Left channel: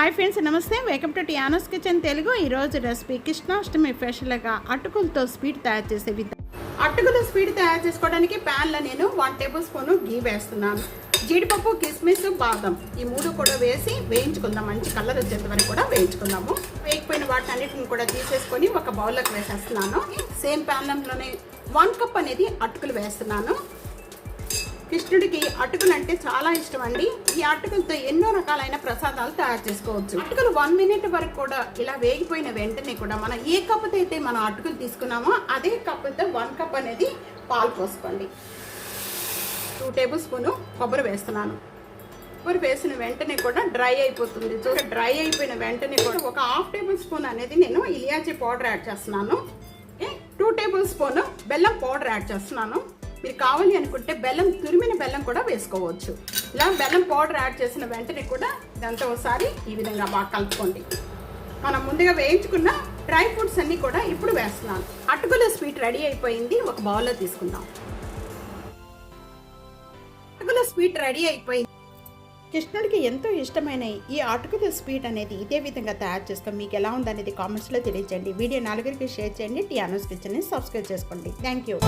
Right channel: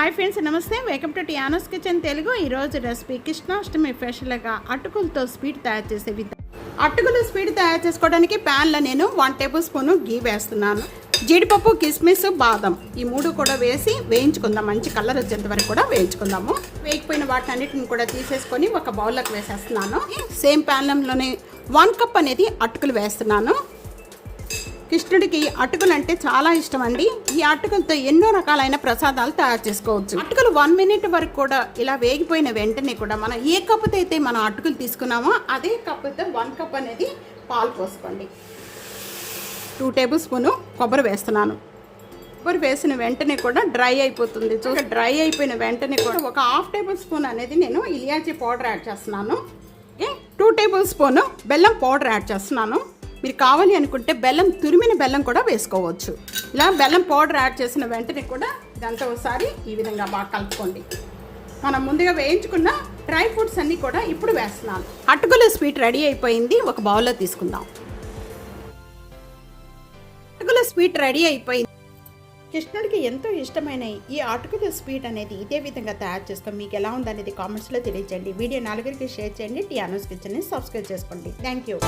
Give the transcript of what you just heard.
Hi friends నమస్తే. Welcome to టియానోస్ kitchen Telugu ఈరోజు recipe Krishnashtami స్పెషల్గా అటుకులతో స్వీట్ తయారు చేసే విధానం అటుకులు స్వీట్ తయారు చేసుకోవడానికి ప్యాన్లో నేను వన్ టేబుల్ స్పూన్ గీ వేస్తున్నాను. జీడిపప్పు కిస్మిస్ బాదం ఈ మూడు కూడా వేసి వేయించుకుందాం. మంచి కలర్ వచ్చేంత వరకు కూడా వేయించుకుందాము. వేయకపోయిన వాటి అన్నిటిని కూడా తీసేసుకొని ఒక బౌల్లోకి వేసేస్తున్నాను. సేమ్ ప్యాన్లంలోనే వన్ కప్ అనేది అటుకులు వేస్తున్నాను. కృష్ణుడికి అటుకులు అంటే చాలా ఇష్టం అండి ఈ అటుకులతో ఎన్నో రకాలైన ప్రసాదాలు తయారు చేసుకోవచ్చు. అటుకులు వన్ మినిట్ వరకు కూడా ఇలా వేగిపోయిన వెంటనే కూడా మనం ఏ కప్పుతో అయితే మనం అటుకులు తీసుకున్నామో అదే కప్పుతో వన్ కప్ అనేది పాలు పోసుకోండి. టూ టేబుల్ స్పూన్ కొబ్బరి వేస్తున్నాను. కొబ్బరి వేసిన వెంటనే కూడా డ్రై అయిపోతుంది. చూసి డ్రై అయిపోయిన వెంటనే కూడా ఒక హాఫ్ టేబుల్ స్పూన్ అనేది నేను ఇలియాచి పౌడర్ యాడ్ చేస్తున్నాను. టూ టేబుల్ స్పూన్ బెల్లం పౌడర్ యాడ్ చేస్తున్నాను. మీరు కావాలి అనుకుంటే బెల్లం తురిమిన బెల్లం కూడా వేసుకోవచ్చు. ఇలా బెల్లం పౌడర్ యాడ్ చేసిన వెంటనే కూడా ఇదంతా ఒకసారి ఈ విధంగా బాగా కలుపుకోండి. మనం ముందుగా వేయించుకున్న డ్రై ఫ్రూట్స్ అన్నీ కూడా ఇప్పుడు వేస్తున్నాం. అటుకుల స్వీట్ రెడీ అయిపోయింది. ఒక బౌల్లో తీసుకుందాం. అటుకుల స్వీట్ రెడీ అయిపోయింది. కృష్ణుడికి ఎంతో ఇష్టమైన ఈ అటుకుల స్వీట్ అనేది ఇదే విధంగా తయారు చేస్తాం మీకు ఎలా ఉందనేది కామెంట్స్లో తెలియజేయండి వీడియో నలుగురికి షేర్ చేయండి. టీ అనౌస్ కిచెన్ని సబ్స్క్రైబ్ చేసుకోండి. Thank you.